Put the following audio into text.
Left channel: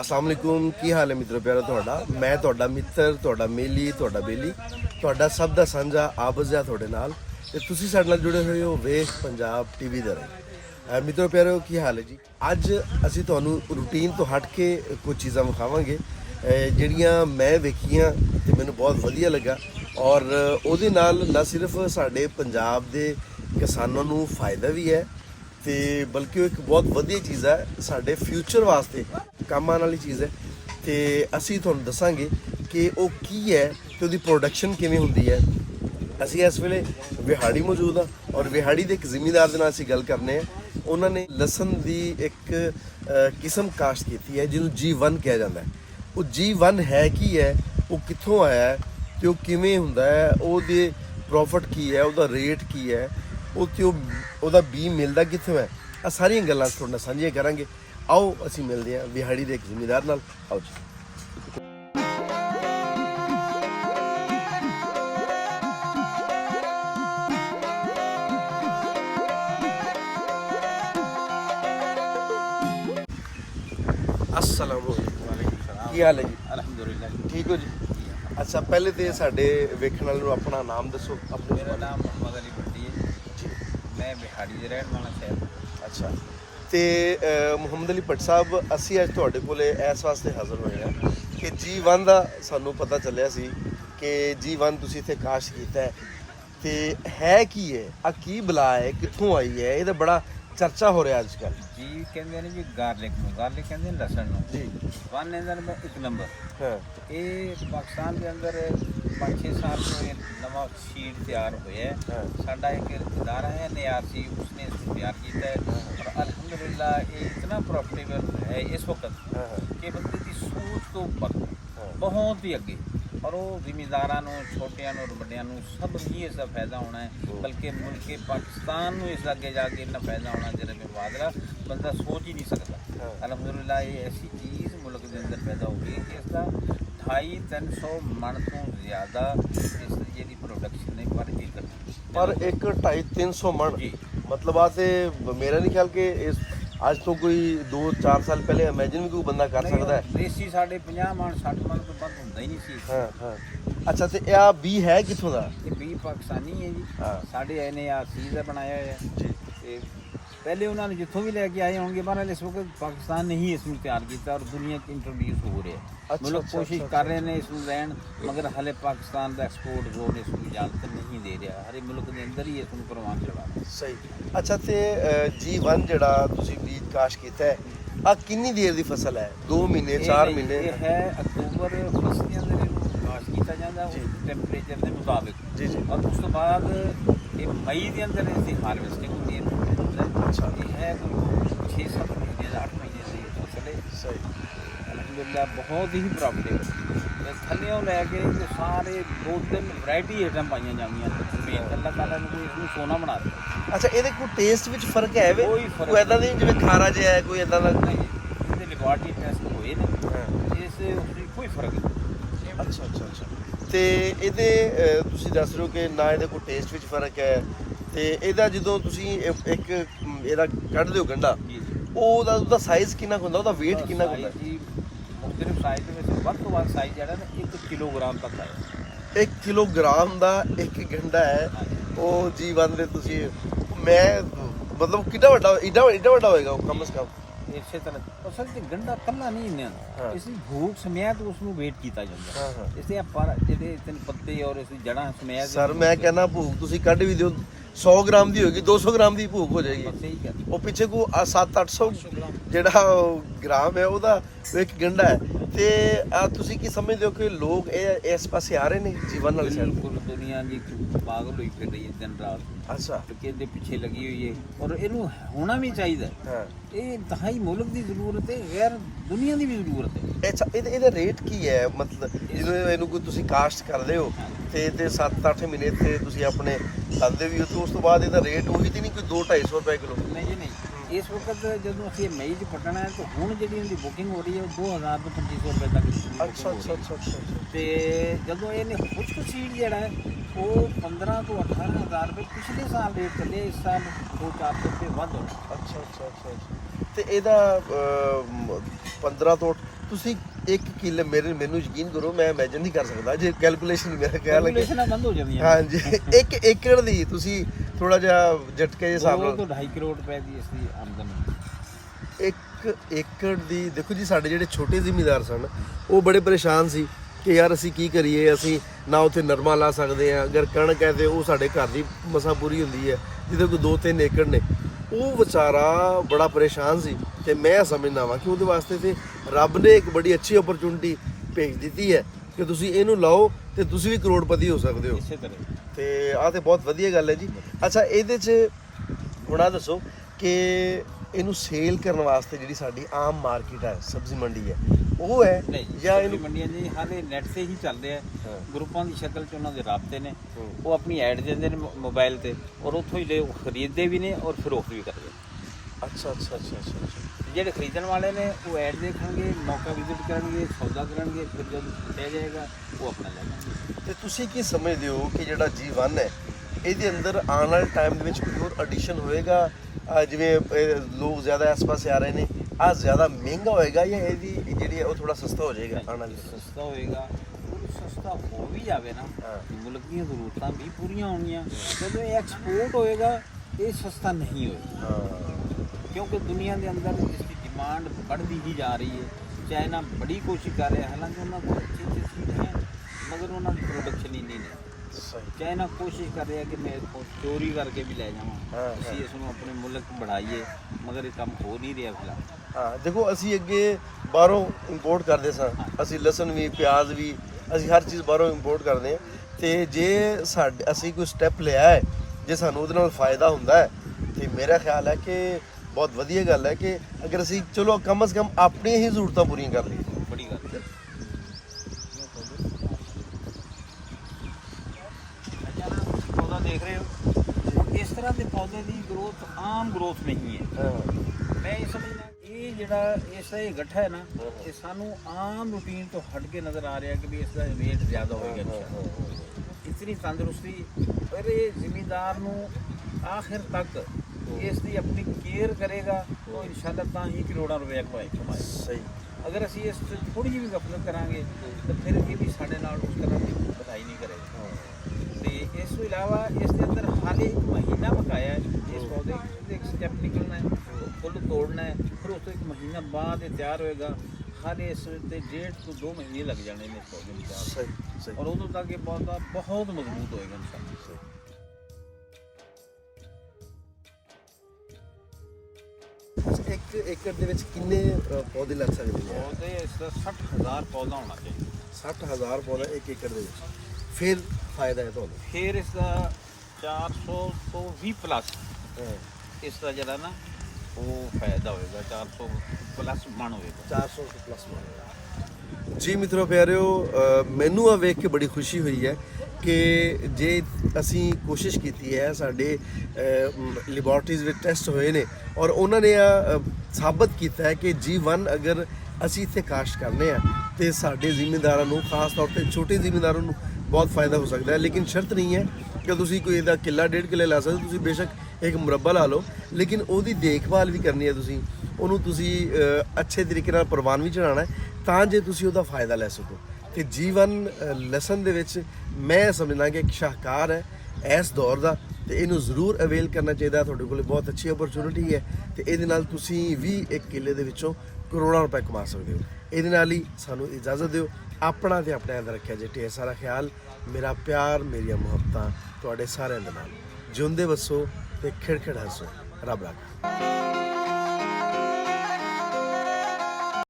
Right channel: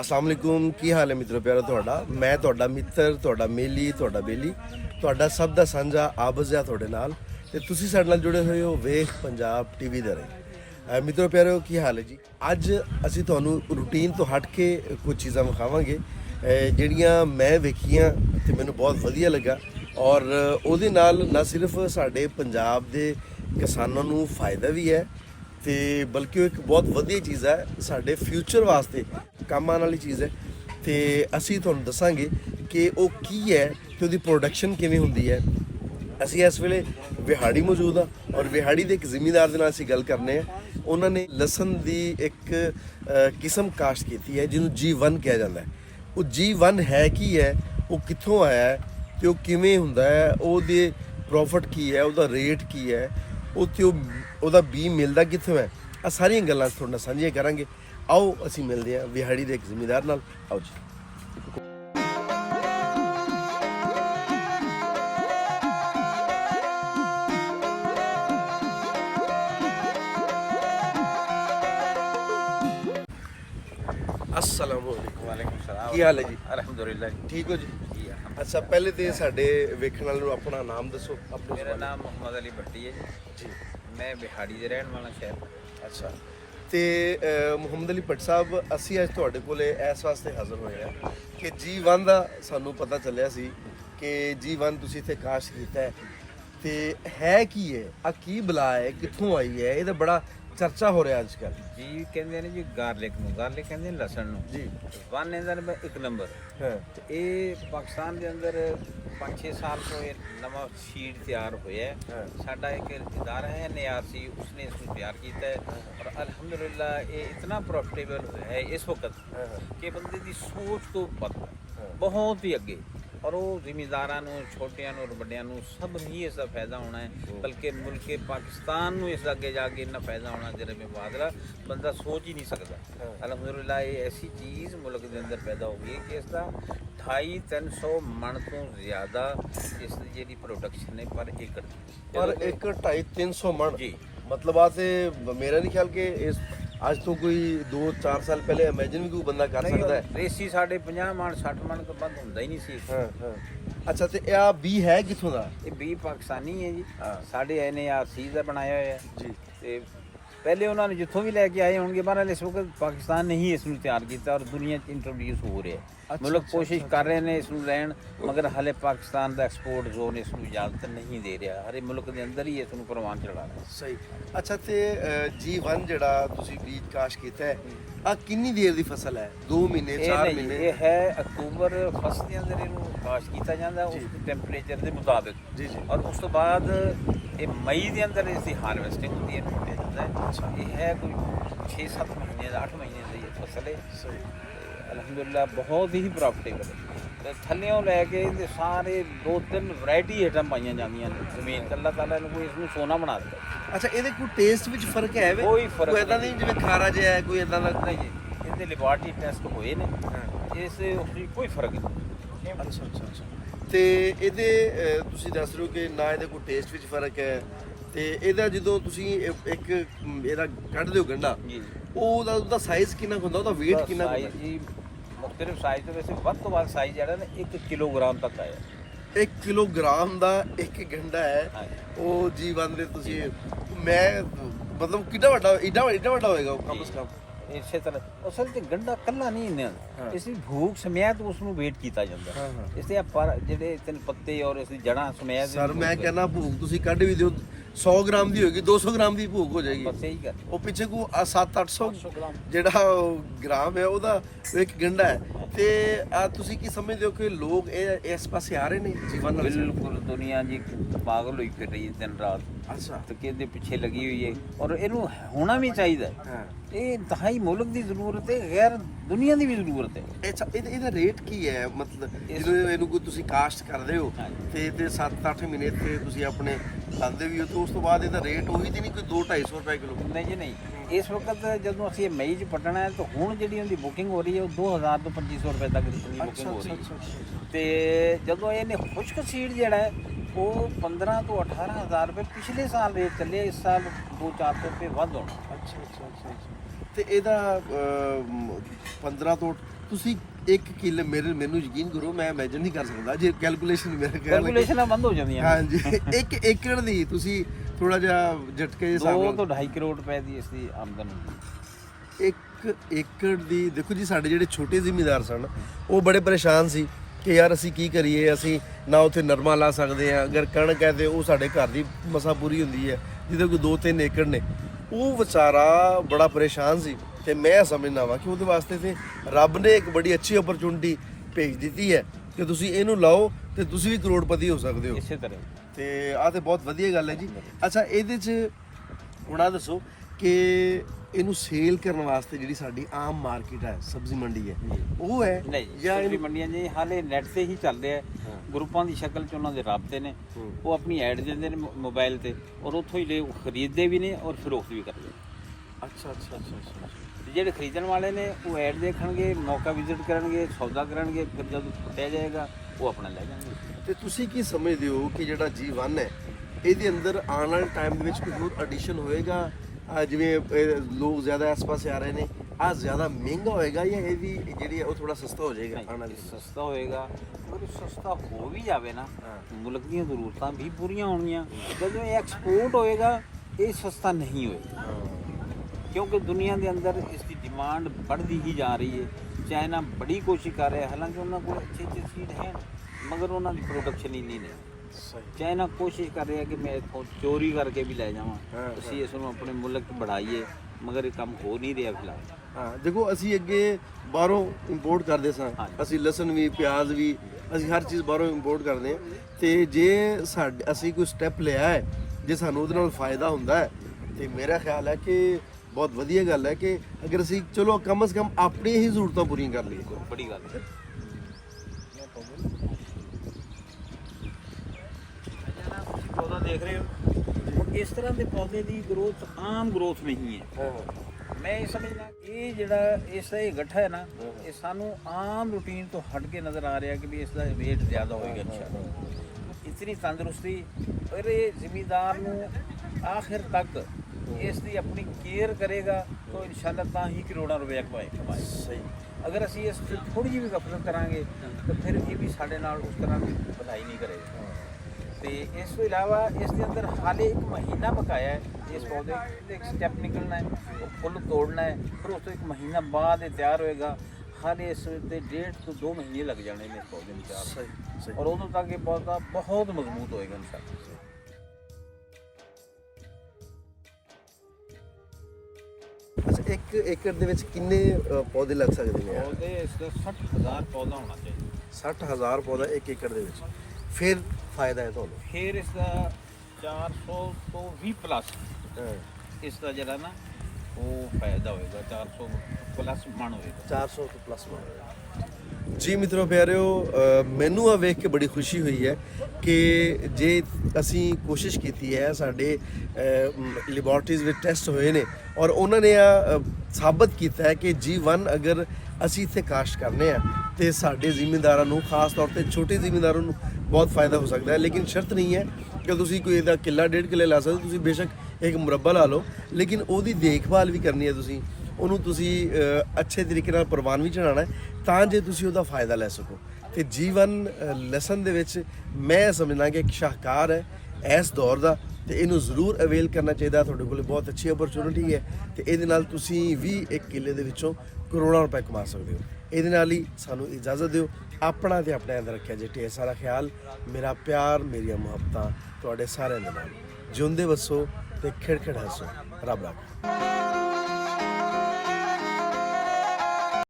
अस्सलाम वालेकुम की हाल है मित्रों प्यारा ਤੁਹਾਡਾ मैं ਤੁਹਾਡਾ ਮਿੱਤਰ ਤੁਹਾਡਾ ਮੇਲੀ ਤੁਹਾਡਾ ਬੇਲੀ ਤੁਹਾਡਾ ਸਭ ਦਾ ਸਾਂਝਾ ਆਬਜ਼ਿਆ ਤੁਹਾਡੇ ਨਾਲ ਤੇ ਤੁਸੀਂ ਸਾਡੇ ਨਾਲ ਜੁੜੇ ਹੋਏ ਹੋ ਵੇਖ ਪੰਜਾਬ ਟੀਵੀ ਦੇ ਰਾਹੀਂ ਮਿੱਤਰੋ ਪਿਆਰਿਓ ਕੀ ਹਾਲ ਹੈ ਜੀ ਅੱਜ ਅਸੀਂ ਤੁਹਾਨੂੰ ਰੂਟੀਨ ਤੋਂ ਹਟ ਕੇ ਕੁਝ ਚੀਜ਼ਾਂ ਵਿਖਾਵਾਂਗੇ ਜਿਹੜੀਆਂ ਮੈਂ ਵੇਖੀਆਂ ਤੇ ਮੈਨੂੰ ਬਹੁਤ ਵਧੀਆ ਲੱਗਾ ਔਰ ਉਹਦੇ ਨਾਲ ਨਾ ਸਿਰਫ ਸਾਡੇ ਪੰਜਾਬ ਦੇ ਕਿਸਾਨਾਂ ਨੂੰ ਫਾਇਦਾ ਵੀ ਹੈ ਤੇ ਬਲਕਿ ਉਹ ਇੱਕ ਬਹੁਤ ਵਧੀਆ ਚੀਜ਼ ਹੈ ਸਾਡੇ ਫਿਊਚਰ ਵਾਸਤੇ ਕੰਮ ਆਉਣ ਵਾਲੀ ਚੀਜ਼ ਹੈ ਤੇ ਅਸੀਂ ਤੁਹਾਨੂੰ ਦੱਸਾਂਗੇ ਕਿ ਉਹ ਕੀ ਹੈ ਤੇ ਉਹਦੀ ਪ੍ਰੋਡਕਸ਼ਨ ਕਿਵੇਂ ਹੁੰਦੀ ਹੈ। ਅਸੀਂ ਇਸ ਵੇਲੇ ਵਿਹਾੜੀ ਮੌਜੂਦ ਹਾਂ ਔਰ ਵਿਹਾੜੀ ਦੇ ਇੱਕ ਜ਼ਿਮੀਂਦਾਰ ਦੇ ਨਾਲ ਅਸੀਂ ਗੱਲ ਕਰਨੇ ਆ। ਉਹਨਾਂ ਨੇ ਲਸਣ ਦੀ ਇੱਕ ਕਿਸਮ ਕਾਸ਼ਤ ਕੀਤੀ ਹੈ ਜਿਹਨੂੰ G1 ਕਿਹਾ ਜਾਂਦਾ ਹੈ। ਉਹ G1 ਹੈ ਕੀ ਹੈ, ਉਹ ਕਿੱਥੋਂ ਆਇਆ ਹੈ ਤੇ ਉਹ ਕਿਵੇਂ ਹੁੰਦਾ ਹੈ, ਉਹਦੇ ਪ੍ਰੋਫਿਟ ਕੀ ਹੈ, ਉਹਦਾ ਰੇਟ ਕੀ ਹੈ, ਉਹਦਾ ਬੀ ਮਿਲਦਾ ਕਿੱਥੋਂ ਹੈ, ਆ ਸਾਰੀਆਂ ਗੱਲਾਂ ਤੁਹਾਡੇ ਨਾਲ ਸਾਂਝੀਆਂ ਕਰਾਂਗੇ। ਆਓ ਅਸੀਂ ਮਿਲਦੇ ਹਾਂ ਵਿਹਾੜੀ ਦੇ ਇੱਕ ਜ਼ਿਮੀਂਦਾਰ ਨਾਲ। ਆਓ ਜੀ। अस्सलाम वालेकुम ਕੀ ਹਾਲ ਹੈ ਜੀ? अलहमदुलिल्लाह ਠੀਕ ਹੋ ਜੀ? ਅੱਛਾ ਪਹਿਲੇ ਤੇ ਸਾਡੇ ਵੇਖਣ ਵਾਲੇ ਨੂੰ ਆਪਣਾ ਨਾਮ ਦੱਸੋ। मेरा नाम मोहम्मद अली भट्टी है ਜੀ मैं बिहाड़ी ਦੇ ਰਹਿਣ ਵਾਲਾ ਸ਼ਹਿਰ ਦਾ। ਅੱਛਾ ਤੇ ਮੁਹੰਮਦ ਅਲੀ ਭੱਟ ਸਾਹਿਬ ਅਸੀਂ ਅੱਜ ਤੁਹਾਡੇ ਕੋਲੇ ਇਸ ਵਾਸਤੇ ਹਾਜ਼ਰ ਹੋਏ ਹਾਂ ਕਿ G1 ਦਾ ਸਾਨੂੰ ਪਤਾ ਚੱਲਿਆ ਸੀ ਕਿ G1 ਤੁਸੀਂ ਇੱਥੇ ਕਾਸ਼ਤ ਕੀਤਾ ਹੈ ਤੇ ਹੈ ਕੀ ਹੈ, ਆ ਕੀ ਬਲਾ ਹੈ, ਕਿੱਥੋਂ ਆਈ ਹੈ, ਇਹਦਾ ਬੜਾ ਚਰਚਾ ਹੋ ਰਿਹਾ ਅੱਜ ਕੱਲ੍ਹ। ਜੀ ਕਹਿੰਦੇ ਨੇ ਜੀ ਗਾਰਲਿਕ ਨੂੰ, ਗਾਰਲਿਕ ਕਹਿੰਦੇ ਨੇ ਲਸਣ ਨੂੰ ਜੀ ਵਨ ਇਹਦਾ ਨੰਬਰ 1 ਨੰਬਰ। ਹਾਂ ਇਹ ਪਾਕਿਸਤਾਨ ਦੇ ਅੰਦਰ 5-6 ਸਾਲ ਤੋਂ ਇਹ ਨਵਾਂ ਸੀਡ ਤਿਆਰ ਹੋਇਆ ਹੈ। ਸਾਡਾ ਇੱਕ ਇਦਾਰਾ ਹੈ NARC, ਉਸਨੇ ਇਸ ਨੂੰ ਤਿਆਰ ਕੀਤਾ ਹੈ ਔਰ ਅਲਹਮਦੁਲਿਲਾ ਇਹ ਇਤਨਾ ਪ੍ਰੋਫਿਟੇਬਲ ਹੈ ਇਸ ਵਕਤ ਕਿ ਬੰਦੇ ਦੀ ਸੋਚ ਤੋਂ ਵੱਧ ਬਹੁਤ ਹੀ ਅੱਗੇ ਔਰ ਉਹ ਜ਼ਿਮੀਂਦਾਰਾਂ ਨੂੰ, ਛੋਟਿਆਂ ਨੂੰ, ਵੱਡਿਆਂ ਨੂੰ ਸਭ ਨੂੰ ਹੀ ਇਸ ਦਾ ਫਾਇਦਾ ਹੋਣਾ ਹੈ। ਬਲਕਿ ਮੁਲਕ ਪਾਕਿਸਤਾਨ ਨੂੰ ਇਸ ਦਾ ਅੱਗੇ ਜਾ ਕੇ ਇੰਨਾ ਫਾਇਦਾ ਹੋਣਾ ਜਿਹੜਾ ਮੁਬਾਦਲਾ ਬੰਦਾ ਸੋਚ ਹੀ ਨਹੀਂ ਸਕਦਾ। ਅਲਹਮਦੁਲਿਲਾ ਇਹ ਐਸੀ ਚੀਜ਼ ਮੁਲਕ ਦੇ ਅੰਦਰ ਪੈਦਾ ਹੋ ਗਈ ਕਿ ਇਸ ਦਾ 250-300 ਮਣ ਤੋਂ ਜ਼ਿਆਦਾ ਇਸ ਦੀ ਜਿਹੜੀ ਪ੍ਰੋਡਕਸ਼ਨ ਹੈ ਪਰ ਏਕੜ 250-300 ਮਣ ਜੀ। ਮਤਲਬ ਆ ਤੇ ਮੇਰਾ ਨਹੀਂ ਖਿਆਲ ਕਿ ਇਸ ਅੱਜ ਤੋਂ ਕੋਈ 2-4 ਸਾਲ ਪਹਿਲੇ ਇਮੇਜਿਨ ਵੀ ਕੋਈ ਬੰਦਾ ਕਰ ਸਕਦਾ ਹੈ। ਦੇਸੀ ਸਾਡੇ 50 ਮਣ 60 ਮਣ ਤੋਂ ਵੱਧ ਹੁੰਦਾ ਹੀ ਨਹੀਂ ਸੀ। ਹਾਂ ਹਾਂ ਅੱਛਾ ਤੇ ਇਹ ਬੀ ਹੈ ਕਿੱਥੋਂ ਦਾ? ਇਹ ਬੀ ਪਾਕਿਸਤਾਨੀ ਹੈ ਜੀ। ਹਾਂ ਸਾਡੇ NARC ਦਾ ਬਣਾਇਆ ਹੋਇਆ ਹੈ ਜੀ। ਤੇ ਪਹਿਲੇ ਉਹਨਾਂ ਨੇ ਜਿੱਥੋਂ ਵੀ ਲੈ ਕੇ ਆਏ ਹੋਣਗੇ ਬਹਰਹਾਲ ਇਸ ਵਕਤ ਪਾਕਿਸਤਾਨ ਨੇ ਹੀ ਇਸ ਨੂੰ ਤਿਆਰ ਕੀਤਾ ਔਰ ਦੁਨੀਆ 'ਚ ਇੰਟਰੋਡਿਊਸ ਹੋ ਰਿਹਾ ਹੈ। ਮੁਲਕ ਕੋਸ਼ਿਸ਼ ਕਰ ਰਹੇ ਨੇ ਇਸ ਨੂੰ ਲੈਣ ਮਗਰ ਹਾਲੇ ਪਾਕਿਸਤਾਨ ਦਾ ਐਕਸਪੋਰਟ ਜ਼ੋਨ ਇਸ ਨੂੰ ਇਜਾਜ਼ਤ ਨਹੀਂ ਦੇ ਰਿਹਾ। ਹਰੇ ਮੁਲਕ ਦੇ ਅੰਦਰ ਹੀ ਇਸ ਨੂੰ ਪ੍ਰਵਾਨ ਚੜਾਉਣਾ। ਸਹੀ। ਅੱਛਾ ਤੇ G1 ਜਿਹੜਾ ਤੁਸੀਂ ਬੀਜ ਕਾਸ਼ ਕੀਤਾ ਹੈ ਆ ਕਿੰਨੀ ਦੇਰ ਦੀ ਫਸਲ ਹੈ? 2 ਮਹੀਨੇ 4 ਮਹੀਨੇ? ਇਹ ਹੈ ਅਕਤੂਬਰ ਫਸਲ ਦੇ ਅੰਦਰ ਇਹਨੂੰ ਕਾਸ਼ ਕੀਤਾ ਜਾਂਦਾ ਉਸ ਟੈਂਪਰੇਚਰ ਦੇ ਮੁਤਾਬਿਕ ਜੀ ਜੀ। ਔਰ ਉਸ ਤੋਂ ਬਾਅਦ ਇਹ ਮਈ ਦੇ ਅੰਦਰ ਇਸ ਦੀ ਹਾਰਵੈਸਟਿੰਗ ਹੁੰਦੀ ਹੈ। ਅੱਛਾ ਇਹ ਹੈ ਕੋਈ 6-7 ਮਹੀਨੇ ਦਾ 8 ਮਹੀਨੇ ਦੀ ਇਹ ਫਸਲ ਹੈ। ਸਹੀ। ਅਲਹਮਦੁਲਿਲਾ ਬਹੁਤ ਹੀ ਪ੍ਰੋਫਿਟੇਬਲ ਹੈ ਤੇ ਥੱਲਿਓਂ ਲੈ ਕੇ ਤੇ ਸਾਰੇ 2-3 ਵੈਰਾਈਟੀ ਆਈਟਮ ਪਾਈਆਂ ਜਾਂਦੀਆਂ ਨੇ। ਜ਼ਮੀਨ ਅੱਲਾਹ ਤਾਲਾ ਨੇ ਕੋਈ ਇਸ ਨੂੰ ਸੋਨਾ ਬਣਾ ਦਿੱਤਾ। ਅੱਛਾ ਇਹਦੇ ਕੋਈ ਟੇਸਟ ਵਿੱਚ ਫਰਕ ਹੈ ਵੇ? ਕੋਈ ਫਰਕ ਇਦਾਂ ਨਹੀਂ ਜਿਵੇਂ ਖਾਰਾ ਜਿਹਾ ਹੈ ਕੋਈ ਇਦਾਂ ਦਾ? ਨਹੀਂ ਜੀ, ਇਹਦੇ ਲੈਬੋਰਟਰੀ ਟੈਸਟ ਹੋਏ ਨੇ, ਇਸ ਦੇ ਉਸ ਵਿੱਚ ਕੋਈ ਫਰਕ ਨਹੀਂ। ਅੱਛਾ ਅੱਛਾ ਅੱਛਾ ਤੇ ਇਹਦੇ ਤੁਸੀਂ ਦੱਸ ਰਹੇ ਹੋ ਕਿ ਨਾ ਇਹਦੇ ਕੋਈ ਟੇਸਟ ਵਿੱਚ ਫਰਕ ਹੈ ਤੇ ਇਹਦਾ ਜਦੋਂ ਤੁਸੀਂ ਇੱਕ ਇਹਦਾ ਕੱਢਦੇ ਹੋ ਗੰਢਾ ਜੀ ਉਹਦਾ ਸਾਈਜ਼ ਕਿੰਨਾ ਕੁ ਹੁੰਦਾ, ਉਹਦਾ weight ਕਿੰਨਾ ਕੁ ਹੁੰਦਾ? ਸਾਈਜ਼ ਜੀ ਮੁਖਤਲਿਫ ਸਾਈਜ਼ ਦੇ ਵਿੱਚ ਵੱਧ ਤੋਂ ਵੱਧ ਸਾਈਜ਼ ਜਿਹੜਾ ਨਾ 1 ਕਿਲੋਗ੍ਰਾਮ ਤੱਕ ਆਇਆ। 1 ਕਿਲੋਗ੍ਰਾਮ ਦਾ ਇੱਕ ਗੰਢਾ ਹੈ। ਹਾਂਜੀ। ਉਹ G1 ਦੇ ਤੁਸੀਂ ਮੈਂ ਮਤਲਬ ਕਿੰਨਾ ਵੱਡਾ ਏਡਾ ਵੱਡਾ ਹੋਏਗਾ ਉਹ ਕਮ ਸੇ ਕਮ? ਇਸੇ ਤਰ੍ਹਾਂ ਅਸਲ ਤੇ ਗੰਢਾ ਕੱਲਾ ਨਹੀਂ ਇੰਨਾ, ਇਸ ਦੀ ਭੂਖ ਸਮੇਤ ਉਸ ਨੂੰ ਵੇਟ ਕੀਤਾ ਜਾਂਦਾ। ਹਾਂ ਹਾਂ ਇਸ ਦੇ ਪਰ ਜਿਹੜੇ ਤਿੰਨ ਪੱਤੇ ਔਰ ਇਸ ਦੀ ਜੜਾਂ ਸਮੇਤ ਸਰ ਮੈਂ ਕਹਿੰਦਾ ਭੂਖ ਤੁਸੀਂ ਕੱਢ ਵੀ ਦਿਓ 100 ਗ੍ਰਾਮ ਦੀ ਹੋਏਗੀ, 200 ਗ੍ਰਾਮ ਦੀ ਭੂਖ ਹੋ ਜਾਏਗੀ। ਬਸ ਇਹੀ ਕਰ ਉਹ ਪਿੱਛੇ ਕੋ 700-800 ਜਿਹੜਾ ਗ੍ਰਾਮ ਹੈ ਉਹਦਾ ਇੱਕ ਗੰਢਾ ਹੈ। ਤੇ ਤੁਸੀਂ ਕੀ ਸਮਝਦੇ ਹੋ ਕਿ ਲੋਕ ਇਹ ਇਸ ਪਾਸੇ ਆ ਰਹੇ ਨੇ G1 ਨਾਲ? ਬਿਲਕੁਲ ਦੁਨੀਆ ਜੀ ਪਾਗਲ ਹੋਈ ਫਿਰ ਰਹੀ ਹੈ ਦਿਨ ਰਾਤ। ਅੱਛਾ ਤੇ ਕਿਹਦੇ ਪਿੱਛੇ ਲੱਗੀ ਹੋਈ ਹੈ ਔਰ ਇਹਨੂੰ ਹੋਣਾ ਵੀ ਚਾਹੀਦਾ ਹੈ। ਹਾਂ ਇਹ ਇੰਤਹਾਈ ਮੁਲਕ ਦੀ ਜ਼ਰੂਰਤ ਹੈ, ਗੈਰ ਦੁਨੀਆ ਦੀ ਵੀ ਜ਼ਰੂਰਤ ਹੈ। ਅੱਛਾ ਇਹਦਾ ਰੇਟ ਕੀ ਹੈ? ਮਤਲਬ ਇਹਨੂੰ ਕੋਈ ਤੁਸੀਂ ਕਾਸ਼ਤ ਕਰਦੇ ਹੋ ਤੇ 7-8 ਮਹੀਨੇ ਤੇ ਤੁਸੀਂ ਆਪਣੇ ਕਰਦੇ ਵੀ ਹੋ ਤੇ ਉਸ ਤੋਂ ਬਾਅਦ ਇਹਦਾ ਰੇਟ ਉਹੀ ਤੇ ਨਹੀਂ ਕੋਈ 200-250 ਰੁਪਏ ਕਿਲੋ? ਨਹੀਂ ਜੀ ਨਹੀਂ, ਇਸ ਵਕਤ ਜਦੋਂ ਅਸੀਂ ਮਈ 'ਚ ਪਟਣਾ ਹੈ ਤਾਂ ਹੁਣ ਜਿਹੜੀ ਉਹਦੀ ਬੁਕਿੰਗ ਹੋ ਰਹੀ ਹੈ ਉਹ 2000 ਤੋਂ 2500 ਰੁਪਏ ਤੱਕ ਦੀ ਬੁਕਿੰਗ ਅੱਛਾ ਹੋ ਅੱਛਾ ਰਹੀ ਹੈ। ਅੱਛਾ ਤੇ ਜਦੋਂ ਇਹਨੇ ਖੁਸ਼ਕ ਸੀਡ ਜਿਹੜਾ ਹੈ ਉਹ 15 ਤੋਂ 18000 ਰੁਪਏ ਪਿਛਲੇ ਸਾਲ ਰੇਟ ਚੱਲੇ, ਇਸ ਸਾਲ 200-400 ਰੁਪਏ ਵੱਧ ਹੋਣਾ। ਅੱਛਾ ਅੱਛਾ ਅੱਛਾ ਤੇ ਇਹਦਾ 15 ਤੋਂ ਤੁਸੀਂ 1 ਕਿੱਲੇ ਮੈਨੂੰ ਯਕੀਨ ਕਰੋ, ਮੈਂ ਇਮੇਜਿਨ ਨਹੀਂ ਕਰ ਸਕਦਾ ਜੇ ਕੈਲਕੂਲੇਸ਼ਨ ਮੇਰਾ ਕਹਿ ਕੈਲਕੂਲੇਸ਼ਨਾਂ ਬੰਦ ਹੋ ਜਾਂਦੀਆਂ ਹਾਂਜੀ 1 ਏਕੜ ਦੀ ਤੁਸੀਂ ਥੋੜਾ ਜਿਹਾ ਝਟਕੇ ਦੇ ਹਿਸਾਬ 2 ਨਾਲ ਤੋਂ 2.5 ਕਰੋੜ ਰੁਪਏ ਦੀ ਇਸ ਦੀ ਆਮਦਨ ਹੁੰਦੀ। 1 ਏਕੜ ਦੀ ਦੇਖੋ ਜੀ, ਸਾਡੇ ਜਿਹੜੇ ਛੋਟੇ ਜ਼ਿਮੀਂਦਾਰ ਸਨ ਉਹ ਬੜੇ ਪਰੇਸ਼ਾਨ ਸੀ ਕਿ ਯਾਰ ਅਸੀਂ ਕੀ ਕਰੀਏ, ਅਸੀਂ ਨਾ ਉੱਥੇ ਨਰਮਾ ਲਾ ਸਕਦੇ ਆ, ਅਗਰ ਕਣਕ ਹੈ ਤੇ ਉਹ ਸਾਡੇ ਘਰ ਦੀ ਮਸਾ ਪੂਰੀ ਹੁੰਦੀ ਹੈ, ਜਿਹਦੇ ਕੋਈ 2-3 ਏਕੜ ਨੇ। ਉਹ ਵਿਚਾਰਾ ਬੜਾ ਪਰੇਸ਼ਾਨ ਸੀ ਤੇ ਮੈਂ ਸਮਝਦਾ ਵਾਂ ਕਿ ਉਹਦੇ ਵਾਸਤੇ ਤੇ ਰੱਬ ਨੇ ਇੱਕ ਬੜੀ ਅੱਛੀ ਓਪਰਚੁਨਿਟੀ ਭੇਜ ਦਿੱਤੀ ਹੈ ਕਿ ਤੁਸੀਂ ਇਹਨੂੰ ਲਾਓ ਤੇ ਤੁਸੀਂ ਵੀ ਕਰੋੜਪਤੀ ਹੋ ਸਕਦੇ ਹੋ। ਇਸੇ ਤਰ੍ਹਾਂ ਤੇ ਆਹ ਤੇ ਬਹੁਤ ਵਧੀਆ ਗੱਲ ਹੈ ਜੀ। ਅੱਛਾ, ਇਹਦੇ 'ਚ ਹੁਣ ਆਹ ਦੱਸੋ ਕਿ ਇਹਨੂੰ ਸੇਲ ਕਰਨ ਵਾਸਤੇ ਜਿਹੜੀ ਸਾਡੀ ਆਮ ਮਾਰਕੀਟ ਹੈ, ਸਬਜ਼ੀ ਮੰਡੀ ਹੈ, ਉਹ ਹੈ ਨਹੀਂ ਜੀ, ਜਾਂ ਸਬਜ਼ੀ ਮੰਡੀਆਂ ਜੀ ਹਾਲੇ ਨੈਟ ਤੇ ਹੀ ਚੱਲਦੇ ਆ, ਗਰੁੱਪਾਂ ਦੀ ਸ਼ਕਲ 'ਚ ਉਹਨਾਂ ਦੇ ਰਾਬਤੇ ਨੇ, ਉਹ ਆਪਣੀ ਐਡ ਦਿੰਦੇ ਨੇ ਮੋਬਾਈਲ ਤੇ ਔਰ ਉੱਥੋਂ ਹੀ ਉਹ ਖਰੀਦਦੇ ਵੀ ਨੇ ਔਰ ਫਰੋਖਤ ਵੀ ਕਰਦੇ ਨੇ। ਅੱਛਾ। ਤੇ ਜਿਹੜੇ ਖਰੀਦਣ ਵਾਲੇ ਨੇ ਉਹ ਐਡ ਦੇਖਣਗੇ, ਮੌਕਾ ਵਿਜ਼ਿਟ ਕਰਨਗੇ, ਸੌਦਾ ਕਰਨਗੇ, ਫਿਰ ਜਦ ਫੁੱਟਿਆ ਜਾਏਗਾ ਉਹ ਆਪਣਾ ਲੈ ਜਾਣਗੇ। ਤੇ ਤੁਸੀਂ ਕੀ ਸਮਝਦੇ ਹੋ ਕਿ ਜਿਹੜਾ G1 ਹੈ ਇਹਦੇ ਅੰਦਰ ਆਉਣ ਵਾਲੇ ਟਾਈਮ ਦੇ ਵਿੱਚ ਕੋਈ ਹੋਰ ਐਡੀਸ਼ਨ ਹੋਏਗਾ? ਜਿਵੇਂ ਲੋਕ ਜ਼ਿਆਦਾ ਇਸ ਪਾਸੇ ਆ ਰਹੇ ਨੇ, ਆਹ ਜ਼ਿਆਦਾ ਮਹਿੰਗਾ ਹੋਏਗਾ ਜਾਂ ਇਹਦੀ ਜਿਹੜੀ ਹੈ ਉਹ ਥੋੜਾ ਸਸਤਾ ਹੋ ਜਾਏਗਾ? ਨਹੀਂ, ਸਸਤਾ ਹੋਏਗਾ। ਅਗਰ ਸਸਤਾ ਹੋ ਵੀ ਜਾਵੇ ਨਾ, ਮੁਲਕ ਦੀਆਂ ਜ਼ਰੂਰਤਾਂ ਵੀ ਪੂਰੀਆਂ ਹੋਣਗੀਆਂ। ਜਦੋਂ ਇਹ ਐਕਸਪੋਰਟ ਹੋਏਗਾ ਇਹ ਸਸਤਾ ਨਹੀਂ ਹੋਏਗਾ, ਕਿਉਂਕਿ ਦੁਨੀਆ ਦੇ ਅੰਦਰ ਇਸ ਦੀ ਡਿਮਾਂਡ बढ़ती ਹੀ ਜਾ ਰਹੀ ਹੈ। ਚਾਈਨਾ ਬੜੀ ਕੋਸ਼ਿਸ਼ ਕਰ ਰਿਹਾ, ਹਾਲਾਂਕਿ ਉਹਨਾਂ ਕੋਲ ਅੱਛੇ ਸੀਡ ਹੈ ਮਗਰ ਉਹਨਾਂ ਦੀ ਪ੍ਰੋਡਕਸ਼ਨ ਇੰਨੀ ਨਹੀਂ। ਚਾਈਨਾ ਕੋਸ਼ਿਸ਼ ਕਰ ਰਿਹਾ ਕਿ ਮੈਂ ਇੱਥੋਂ ਚੋਰੀ ਕਰਕੇ ਵੀ ਲੈ ਜਾਵਾਂ, ਅਸੀਂ ਇਸ ਨੂੰ ਆਪਣੇ ਮੁਲਕ बढ़ाਈਏ, ਮਗਰ ਇਹ ਕੰਮ ਹੋ ਨਹੀਂ ਰਿਹਾ ਫਿਲਹਾਲ। ਹਾਂ, ਦੇਖੋ ਅਸੀਂ ਅੱਗੇ ਬਾਹਰੋਂ ਇੰਪੋਰਟ ਕਰਦੇ ਸਾਂ, ਅਸੀਂ ਲਸਣ ਵੀ, ਪਿਆਜ਼ ਵੀ, ਅਸੀਂ ਹਰ ਚੀਜ਼ ਬਾਹਰੋਂ ਇੰਪੋਰਟ ਕਰਦੇ ਹਾਂ। ਤੇ ਜੇ ਅਸੀਂ ਕੋਈ ਸਟੈਪ ਲਿਆ ਹੈ, ਜੇ ਸਾਨੂੰ ਉਹਦੇ ਨਾਲ ਫਾਇਦਾ ਹੁੰਦਾ ਹੈ ਤੇ ਮੇਰਾ ਖਿਆਲ ਹੈ ਕਿ ਬਹੁਤ ਵਧੀਆ ਗੱਲ ਹੈ ਕਿ ਅਗਰ ਅਸੀਂ ਚਲੋ ਕਮ ਸੇ ਕਮ ਆਪਣੀਆਂ ਹੀ ਜ਼ਰੂਰਤਾਂ ਪੂਰੀਆਂ ਕਰ ਲਈਏ, ਬੜੀ ਗੱਲ ਹੈ। ਤੁਸੀਂ ਪੌਦਾ ਦੇਖ ਰਹੇ ਹੋ, ਹੁਣ ਇਸ ਤਰ੍ਹਾਂ ਦੇ ਪੌਦੇ ਦੀ ਗਰੋਥ ਆਮ ਗਰੋਥ ਨਹੀਂ ਹੈ। ਮੈਂ ਇਹ ਸਮਝਦਾ ਇਹ ਜਿਹੜਾ ਇਸ ਦਾ ਇਹ ਗੱਠਾ ਹੈ ਨਾ, ਇਹ ਸਾਨੂੰ ਆਮ ਰੂਟੀਨ ਤੋਂ ਹਟ ਕੇ ਨਜ਼ਰ ਆ ਰਿਹਾ ਕਿ ਵੀ ਇਸ ਦਾ ਵੇਟ ਜ਼ਿਆਦਾ ਹੋਏਗਾ। ਅੱਛਾ, ਇਤਨੀ ਤੰਦਰੁਸਤੀ, ਪਰ ਇਹ ਜ਼ਿਮੀਂਦਾਰ ਨੂੰ ਆਖਿਰ ਤੱਕ ਇਸ ਦੀ ਆਪਣੀ ਕੇਅਰ ਕਰੇਗਾ ਤਾਂ ਇਨਸ਼ਾਅੱਲਾ ਤਾਂ ਹੀ ਕਰੋੜਾਂ ਰੁਪਏ ਕਮਾਏਗਾ। ਸਹੀ। ਅਗਰ ਅਸੀਂ ਇਸ ਤੇ ਥੋੜੀ ਜਿਹੀ ਵੀ ਗਫਲਤ ਕਰਾਂਗੇ ਤਾਂ ਫਿਰ ਇਹ ਵੀ ਸਾਡੇ ਨਾਲ ਉਸ ਤਰ੍ਹਾਂ ਦੀ ਵਧਾਈ ਨਹੀਂ ਕਰੇਗਾ। ਤੇ ਇਸ ਤੋਂ ਇਲਾਵਾ ਇਸ ਦੇ ਅੰਦਰ ਹਾਲੇ 1 ਮਹੀਨਾ ਬਕਾਇਆ ਹੈ ਇਸ ਪੌਦੇ ਦੇ, ਇੱਕ ਸਟੈਪ ਨਿਕਲਣਾ ਹੈ, ਉਹ ਫੁੱਲ ਤੋੜਨਾ ਹੈ, ਫਿਰ ਉਸ ਤੋਂ 1 ਮਹੀਨਾ ਬਾਅਦ ਇਹ ਤਿਆਰ ਹੋਏਗਾ। ਹਾਲੇ ਇਸ ਦੇ 1.5 ਤੋਂ 2 ਮਹੀਨੇ ਲੱਗ ਜਾਣੇ ਨੇ ਇਸ ਪੌਦੇ ਨੂੰ ਤਿਆਰ, ਔਰ ਉਦੋਂ ਤੱਕ ਇਹ ਪੌਦਾ ਬਹੁਤ ਮਜ਼ਬੂਤ ਹੋਏਗਾ ਇਨਸ਼ਾਅੱਲਾ। ਅੱਛਾ, 1 ਏਕੜ ਦੇ ਵਿੱਚ ਕਿੰਨੇ ਪੌਦੇ ਲੱਗ ਸਕਦੇ ਨੇ? ਪੌਦੇ ਇਸ ਦਾ 60,000 ਪੌਦਾ ਹੋਣਾ ਚਾਹੀਦਾ। 60,000 ਪੌਦਾ 1 ਏਕੜ ਦੇ ਵਿੱਚ, ਫਿਰ ਫਾਇਦਾ ਹੈ ਤੁਹਾਨੂੰ? ਫਿਰ ਇਸ ਦਾ 400 ਤੋਂ ਵੀ ਪਲੱਸ ਇਸ ਦਾ ਜਿਹੜਾ ਨਾ ਉਹ ਫਾਇਦਾ ਹੋਏਗਾ, 400 ਪਲੱਸ ਮਣ ਹੋਏਗਾ, 400 ਤੋਂ ਪਲੱਸ ਹੋਏਗਾ। ਜੀ ਮਿੱਤਰੋ ਪਿਆਰਿਓ, ਮੈਨੂੰ ਆ ਵੇਖ ਕੇ ਬੜੀ ਖੁਸ਼ੀ ਹੋਈ ਹੈ ਕਿ ਜੇ ਅਸੀਂ ਕੋਸ਼ਿਸ਼ ਕੀਤੀ ਹੈ, ਸਾਡੇ ਲੈਬੋਰਟਰੀਜ਼ ਵਿੱਚ ਟੈਸਟ ਹੋਏ ਨੇ ਔਰ ਉਹਨਾਂ ਨੇ ਆ ਸਾਬਤ ਕੀਤਾ ਹੈ ਕਿ G1 ਅਗਰ ਅਸੀਂ ਇੱਥੇ ਕਾਸ਼ਤ ਕਰਨੇ ਆ ਤੇ ਸਾਡੇ ਜ਼ਿਮੀਂਦਾਰਾਂ ਨੂੰ, ਖਾਸ ਤੌਰ ਤੇ ਛੋਟੇ ਜ਼ਿਮੀਂਦਾਰਾਂ ਨੂੰ ਬਹੁਤ ਫਾਇਦਾ ਹੋ ਸਕਦਾ ਹੈ। ਲੇਕਿਨ ਸ਼ਰਤ ਨਹੀਂ ਹੈ ਕਿ ਤੁਸੀਂ ਕੋਈ ਇਹਦਾ ਕਿੱਲਾ 1.5 ਕਿੱਲੇ ਲਾ ਸਕਦੇ, ਤੁਸੀਂ ਬੇਸ਼ੱਕ ਇੱਕ ਮੁਰੱਬਾ ਲਾ ਲਓ, ਲੇਕਿਨ ਉਹਦੀ ਦੇਖਭਾਲ ਵੀ ਕਰਨੀ ਹੈ ਤੁਸੀਂ, ਉਹਨੂੰ ਤੁਸੀਂ ਅੱਛੇ ਤਰੀਕੇ ਨਾਲ ਪ੍ਰਵਾਨ ਵੀ ਚੜਾਉਣਾ ਹੈ ਤਾਂ ਜੇ ਤੁਸੀਂ ਉਹਦਾ ਫਾਇਦਾ ਲੈ ਸਕੋ। ਤੇ G1 ਲਸਣ ਦੇ ਵਿੱਚ ਮੈਂ ਸਮਝਦਾ ਕਿ ਇੱਕ ਸ਼ਾਹਕਾਰ ਹੈ ਇਸ ਦੌਰ ਦਾ, ਤੇ ਇਹਨੂੰ ਜ਼ਰੂਰ ਅਵੇਲ ਕਰਨਾ ਚਾਹੀਦਾ। ਤੁਹਾਡੇ ਕੋਲ ਬਹੁਤ ਅੱਛੀ ਓਪਰਚੁਨਿਟੀ ਹੈ ਤੇ ਇਹਦੇ ਨਾਲ ਤੁਸੀਂ ਵੀ 1 ਕਿੱਲੇ ਦੇ ਵਿੱਚੋਂ ਕਰੋੜਾਂ ਰੁਪਏ ਕਮਾ ਸਕਦੇ ਹੋ। ਇਹਦੇ ਨਾਲ ਹੀ ਸਾਨੂੰ ਇਜਾਜ਼ਤ ਦਿਓ। ਆਪਣਾ ਤੇ ਆਪਣਿਆਂ ਦਾ ਰੱਖਿਆ ਜੇ ਢੇਰ ਸਾਰਾ ਖਿਆਲ। ਮੇਰਾ ਪਿਆਰ, ਮੇਰੀਆਂ ਮੁਹੱਬਤਾਂ ਤੁਹਾਡੇ ਸਾਰਿਆਂ ਦੇ ਨਾਲ। ਜਿਉਂਦੇ ਵਸੋ ਤੇ ਖਿੜ ਖਿੜ ਹੱਸੋ। ਰੱਬ ਰਾਖਾ।